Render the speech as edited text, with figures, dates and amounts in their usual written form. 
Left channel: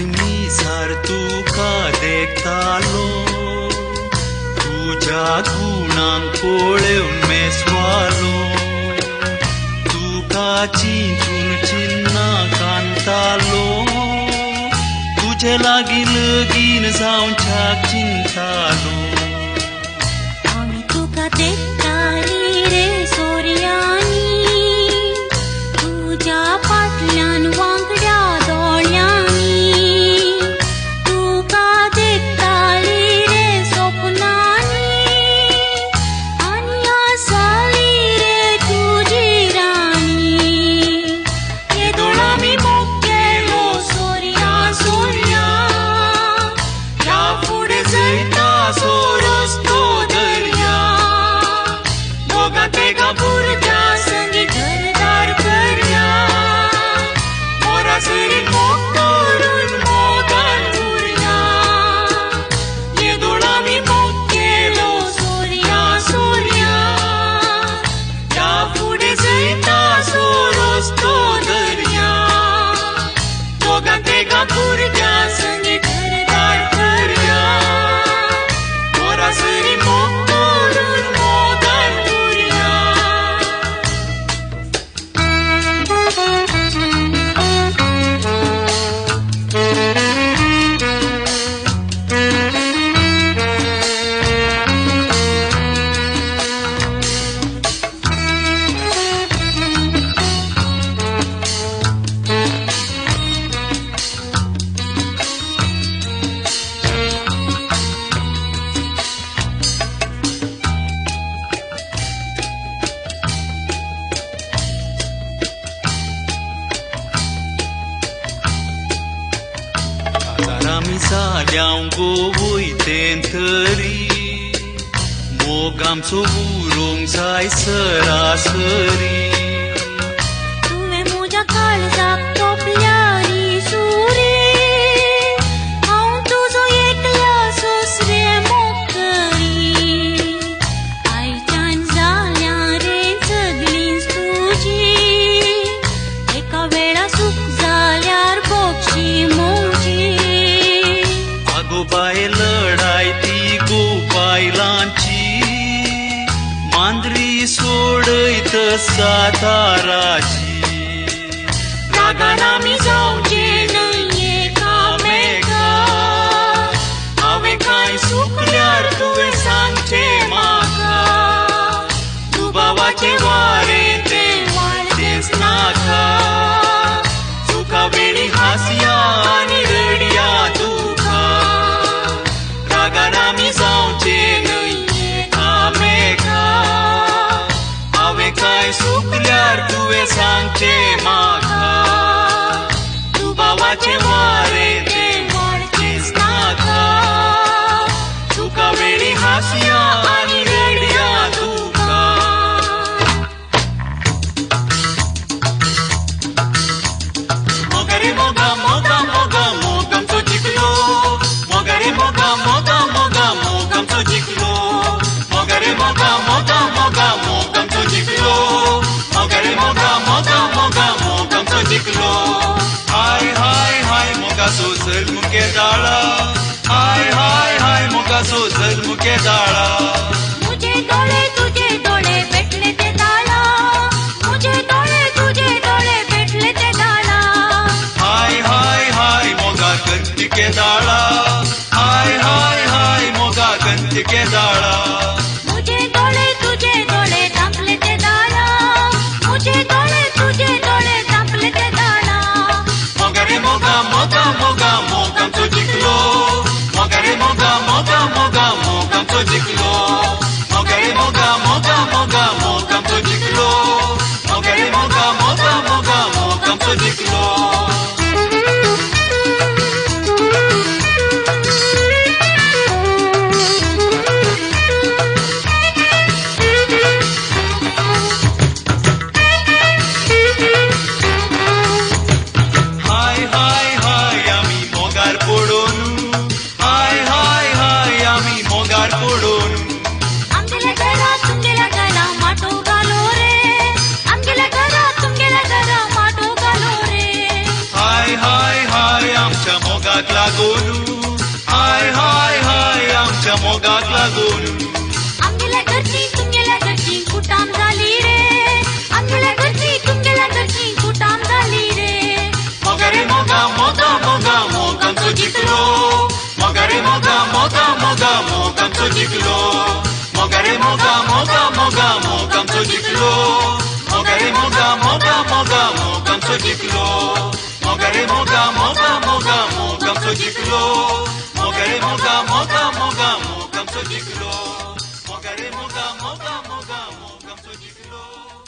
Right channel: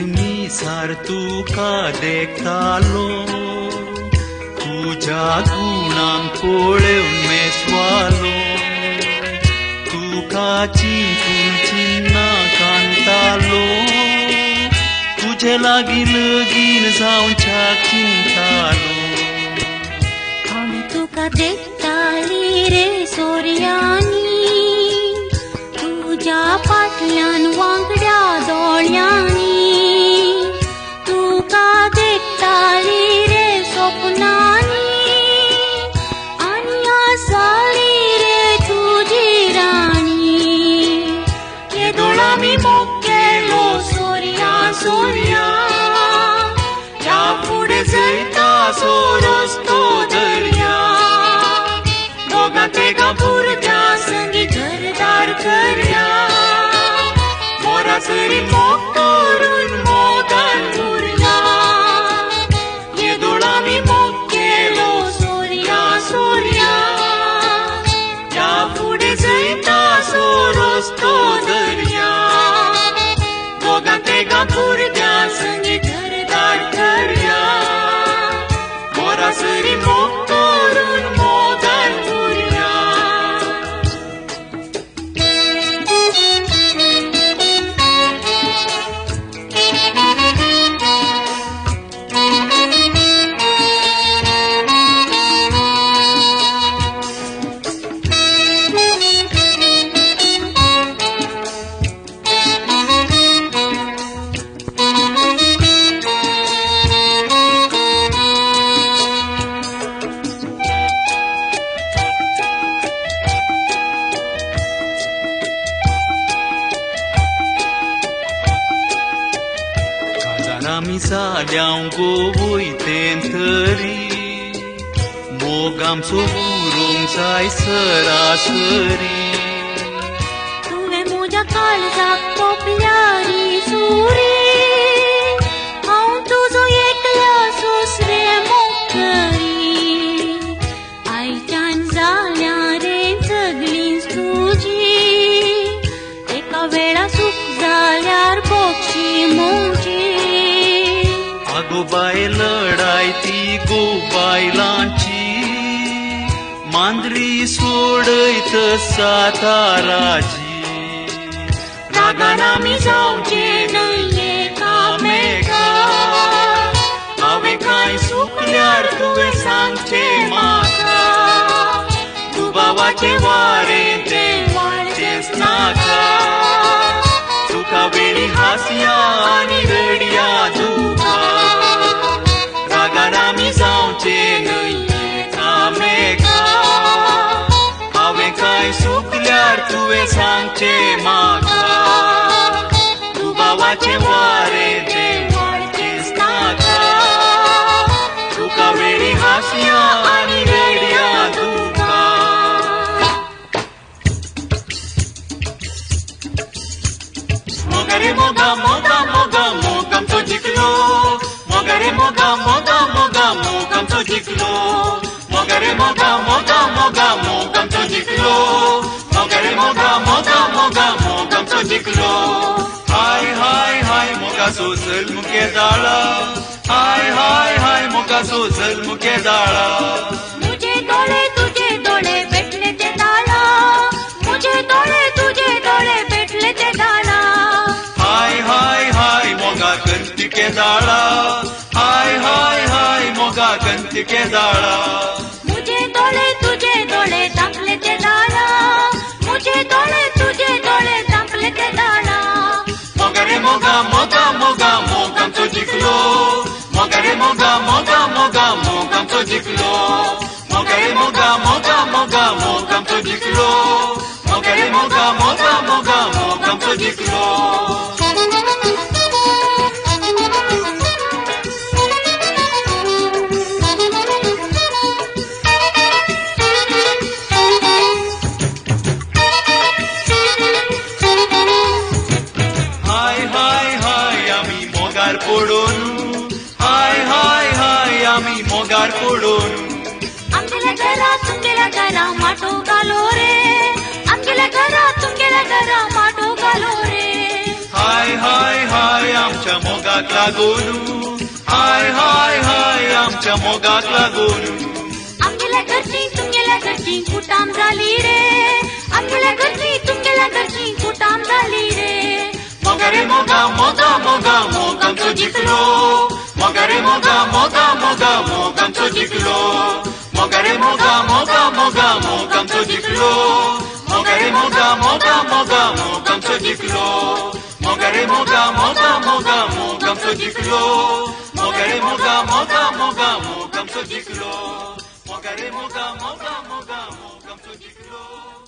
निसार तुका देखतालो तुझ्या गुणांक पोळ्यो मेसवालो तुका चिंतून चिन्ना कांतालो तुझे लागी लगीन जावन छाक चिंतालो हांवें तुका देखताली रे सोर्यांनी तुझ्या फाटल्यान वांगड्या दोळ्यांनी तुका देखताली रे सपनांनी आनी आसाली रे तुजी राणी येदोळांनी मोग केलो सोर्या सोर्या ह्या फुडें चलता सो रस्तो दर्या दोगां तेगां भुरग्यां संगी घरदार करया मोरासरी मोग करून मोगान उरया येदोळांनी मोग केलो सोर्या सोर्या ह्या फुडें चलता सो रस्तो दर्या दोगां तेगां भुरग्यां संगी घरदार करया मोरासरी मोग करून मोगान उरया आमी जाल्याव गो वयतेन तरी मोग आमचो उरूंक जाय सरासरी तुवें म्हज्या काळजाक तोपल्यारी सुरी हांव तुजो एकल्या सोसरे मोग करी आयच्यान जाल्या रे सगळींच तुजी एका वेळा सुख जाल्यार बक्षी मोजी आगो बाय लढाय ती गो बायलांची मांद्री सोडयत साताराची रागान आमी जावचे न्हय एकामेका हांवें कांय चुकल्यार तुवें सांगचें म्हाका दुबावाचें वारें तें वाडचेंच नाका तुका वेळी हांसया आनी रडया तुका रागान आमी जावचे न्हय एकामेका हांवें कांय चुकल्यार तुवें सांगचें म्हाका दुबावाचें वारें तें वाडचेंच नाका तुका वेळी हांसया आनी रडया तुका मोगा रे मोगा मोगा मोगा मोग आमचो जिखलो मोगा रे मोगा मोगा मोगा मोग आमचो जिखलो मोगा रे मोगा मोगा मोगा मोग आमचो जिखलो मोगा रे मोगा मोगा मोगा मोग आमचो जिखलो हाय हाय हाय मोगा सोसल मुखे दाळा हाय हाय हाय मोगा सोसल मुखे दाळा मुझे डोळे भेटले ते दाळा मुझे डोळे भेटले ते दाळा हाय हाय हाय मोगा कंतिके दाळा हाय हाय हाय मोगा कंतिके दाळा मुझे डोळे तांपले ते दाळा मुझे डोळे तांपले ते दाळा मोगा रे मोगा मोगा मोगा मोग आमचो जिखलो मोगा रे मोगा मोगा मोगा मोग आमचो जिखलो मोगा रे मोगा मोगा मोगा मोग आमचो जिखलो मोगा रे मोगा मोगा मोगा मोग आमचो जिखलो हाय हाय हाय आमी मोगार पडून हाय हाय हाय आमी मोगार पडून आमगेल्या घरा माटो घालो रे आमगेल्या घरा माटो घालो रे गोलू, हाय हाय हाय आमच्या मोगातला गोलू. आंबुला घरची तुंगेला घरची कुटाम झाली रे. आंबुला घरची तुंगेला घरची कुटाम झाली रे. मोगा रे मोगा मोगा मोगा मोग आमचं जिंकलो. मोगा रे मोगा मोगा मोगा मोग आमचं जिंकलो. मोगा रे मोगा मोगा मोगा मोग आमचं जिंकलो. मोगा रे मोगा मोगा मोगा मोग आमचं जिंकलो. मोगा रे मोगा मोगा मोगा मोग आमचं जिंकलो. मोगा रे मोगा मोगा मोगा मोग आमचं जिंकलो. मोगा रे मोगा मोगा मोगा मोग आमचं जिंकलो.